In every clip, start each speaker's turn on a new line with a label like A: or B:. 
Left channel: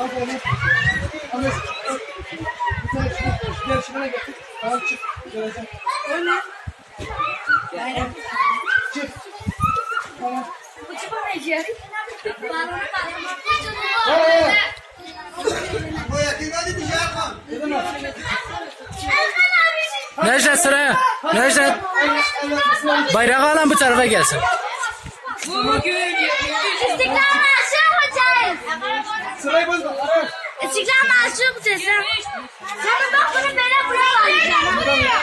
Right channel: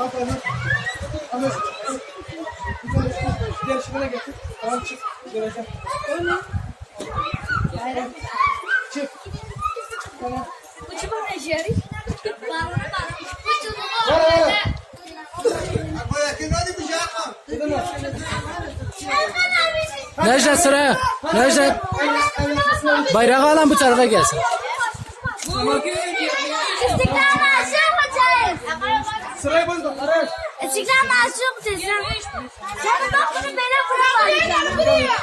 A: Aferin. Ahmet. Güzel. Gel şuraya getir. Tamam çık. Göreceğim.
B: Öyle.
A: Çık. Tamam.
B: Uçma ne işe yarıyor?
A: Var var.
C: Necdet sıraya. Necdet bayrağı alan bu tarafa gelsin.
B: İstiklal Marşı yapacağız.
A: Sırayı bozma.
B: İstiklal Marşı yapacağız. Sonra bak bunu böyle buraya bağlayacağım.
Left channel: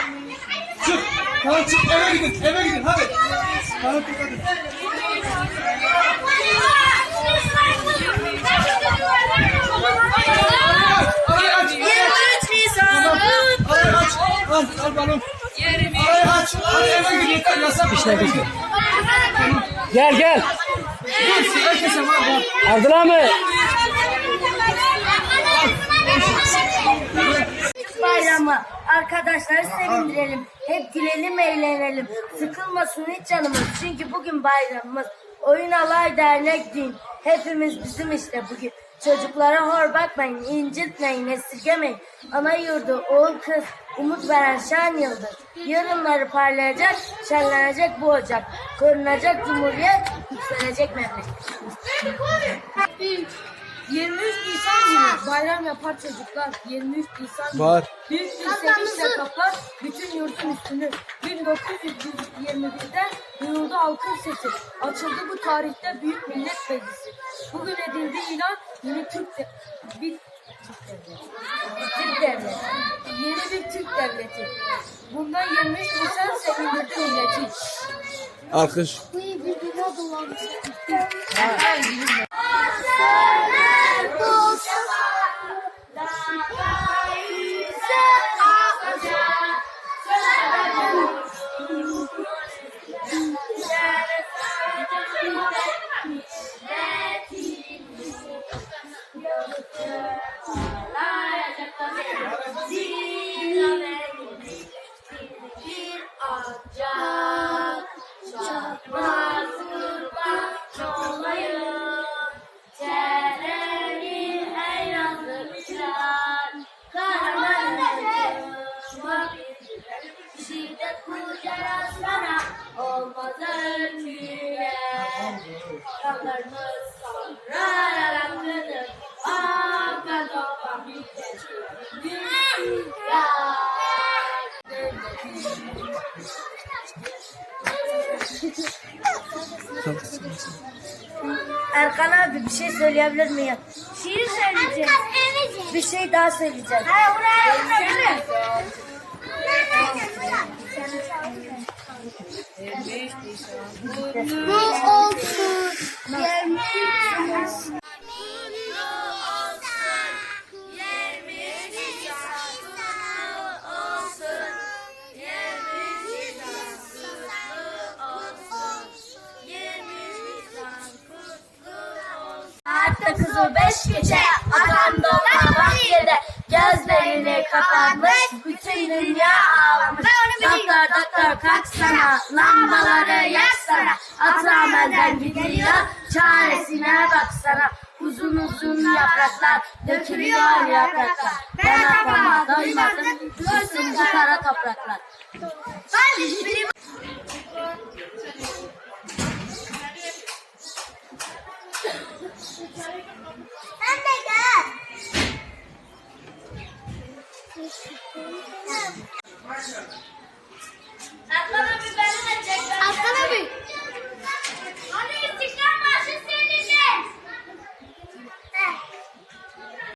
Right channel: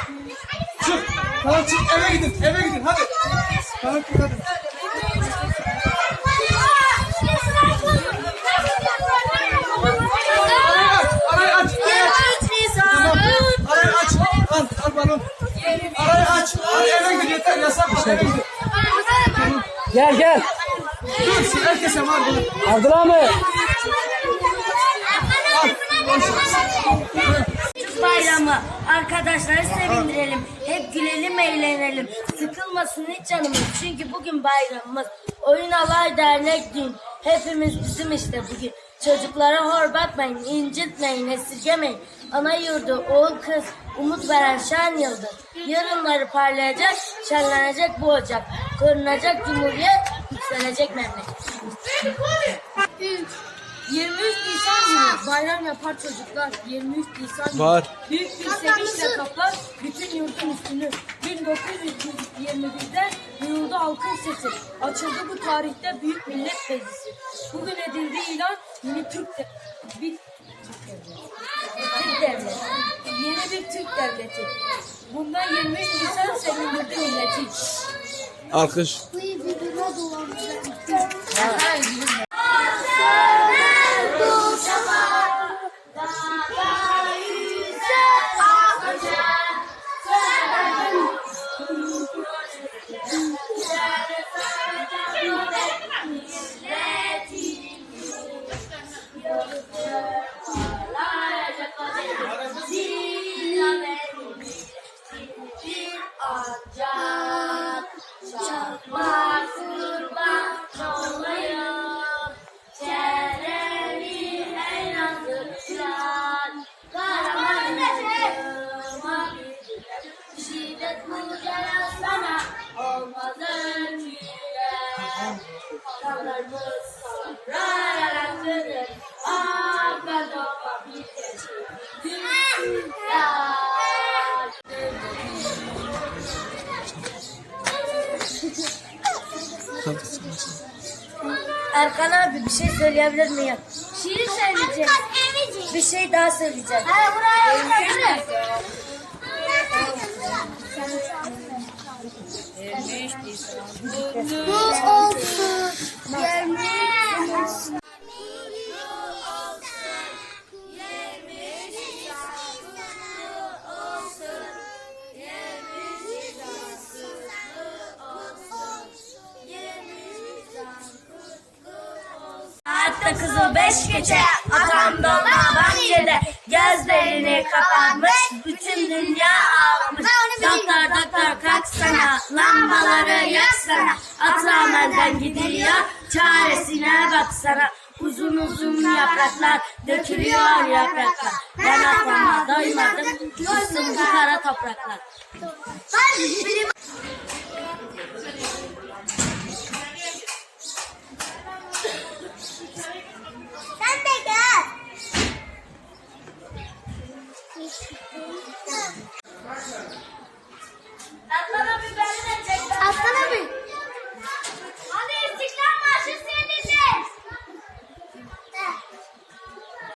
A: Çık. Tamam çık. Eve gidin. Eve gidin. Hadi. Tamam çık hadi. Al. Al balon. Arayı aç. Hadi eve gidin. Yeter. Yasak. Eve gidin.
C: Gel gel.
A: Dur. Herkese var. var.
C: Abdullah mı?
B: Bayramı. Arkadaşları sevindirelim. Hep gülelim, eğlenelim. Sıkılmasın hiç canımız. Çünkü bugün bayramımız. Oyun alay dernek gün. Hepimiz bizim işte bugün. Çocuklara hor bakmayın, incitmeyin, esirgemeyin. Ana yurdu, oğul kız, umut veren şen yıldız. Yarınları parlayacak, şenlenecek bu ocak. Korunacak cumhuriyet, yükselecek memleket. 23 Nisan günü bayram yapar çocuklar. 23 Nisan günü.
C: Var.
B: Büyük bir sevinçle kaplar bütün yurdun üstünü. 1921'de duyuldu halkın sesi. Açıldı bu tarihte Büyük Millet Meclisi. Bugün edildi ilan yeni Türk de bir Türk devleti. Yeni bir Türk devleti. Bundan 23 Nisan sevindirdi milleti.
C: Alkış.
B: Çakmak Yeah. Erkan abi bir şey söyleyebilir miyim? Şiir söyleyeceğim. Bir şey daha söyleyeceğim. Ha buraya buraya. Bu olsun. Hatta kızı beş gece atam dolma bahçede Gözlerini kapatmış bütün dünya ağlamış. Doktor doktor kalksana lambaları yaksana. Atam elden gidiyor çaresine baksana. Uzun uzun yapraklar dökülüyor yapraklar. Ben atama doymadım düşsün bu kara topraklar